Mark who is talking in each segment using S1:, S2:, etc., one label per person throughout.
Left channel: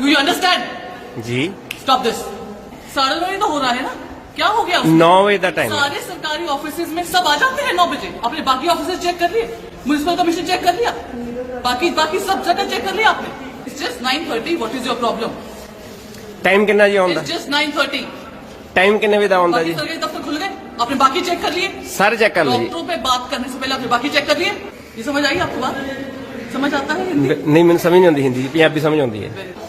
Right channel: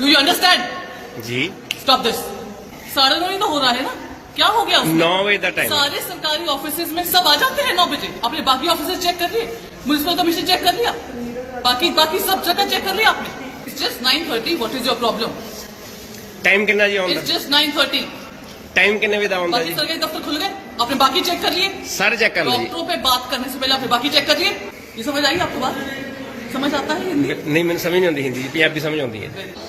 S1: Do you understand
S2: ji.
S1: Stop this साढ़े नौ तो हो रहा है ना? क्या हो गया
S2: नौ टाइम
S1: सारे सरकारी ऑफ़िस में सब आ जाते हैं नौ बजे। आपने बाकी ऑफ़िस चेक कर लिए? म्यूनसिपल कमीशन चेक कर लिया? बाकी बाकी सब जगह चेक कर लिया आपने? It's just nine thirty what is your problem
S2: time कितना जी
S1: it's just nine thirty
S2: time कितने बजे ऑन
S1: बाकी सरकारी दफ्तर खुल गए? आपने बाकी चेक कर लिए?
S2: सर चेक कर लिए।
S1: डॉक्टरों पे बात करने से पहले आपने बाकी चेक कर लिए? ये समझ आई आपको बात? समझ आता है हिंदी?
S3: नहीं मैंने समझ नहीं आती
S1: हिंदी पंजाबी समझ आती है।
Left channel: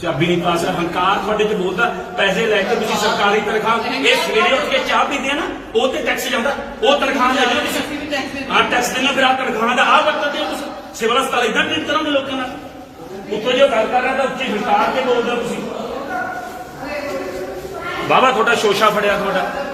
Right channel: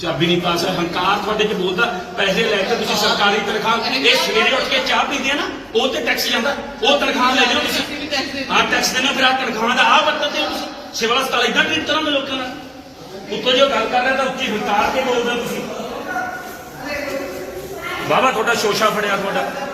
S3: ਚਾਬੀ ਨਹੀਂ ਪਾਸ ਹੰਕਾਰ ਤੁਹਾਡੇ ਤੇ ਬੋਲਦਾ ਪੈਸੇ ਲੈ ਕੇ ਤੁਸੀਂ ਸਰਕਾਰੀ ਤਨਖਾਹ ਇਹ ਸਵੇਰੇ ਉੱਠ ਕੇ ਚਾਹ ਪੀਂਦੇ ਆ ਨਾ, ਉਹ ਤੇ ਟੈਕਸ ਜਾਂਦਾ। ਉਹ ਤਨਖਾਹ ਲੈ ਜਿਓ ਤੁਸੀਂ। ਆ ਟੈਕਸ ਦੇਣਾ ਫਿਰ ਆ ਤਨਖਾਹ ਦਾ ਆ ਵਰਤਦੇ ਤੁਸੀਂ। ਸਿਵਲ ਹਸਪਤਾਲ ਇਦਾਂ ਟ੍ਰੀਟ ਕਰਾਂਗੇ ਲੋਕਾਂ ਨਾਲ। ਉੱਤੋਂ ਜੋ ਗੱਲ ਕਰ ਰਿਹਾ ਤਾਂ ਉੱਚੀ ਹੰਕਾਰ ਕੇ ਬੋਲਦਾ ਤੁਸੀਂ। ਬਾਬਾ, ਤੁਹਾਡਾ ਸ਼ੋਸ਼ਾ ਫੜਿਆ ਤੁਹਾਡਾ।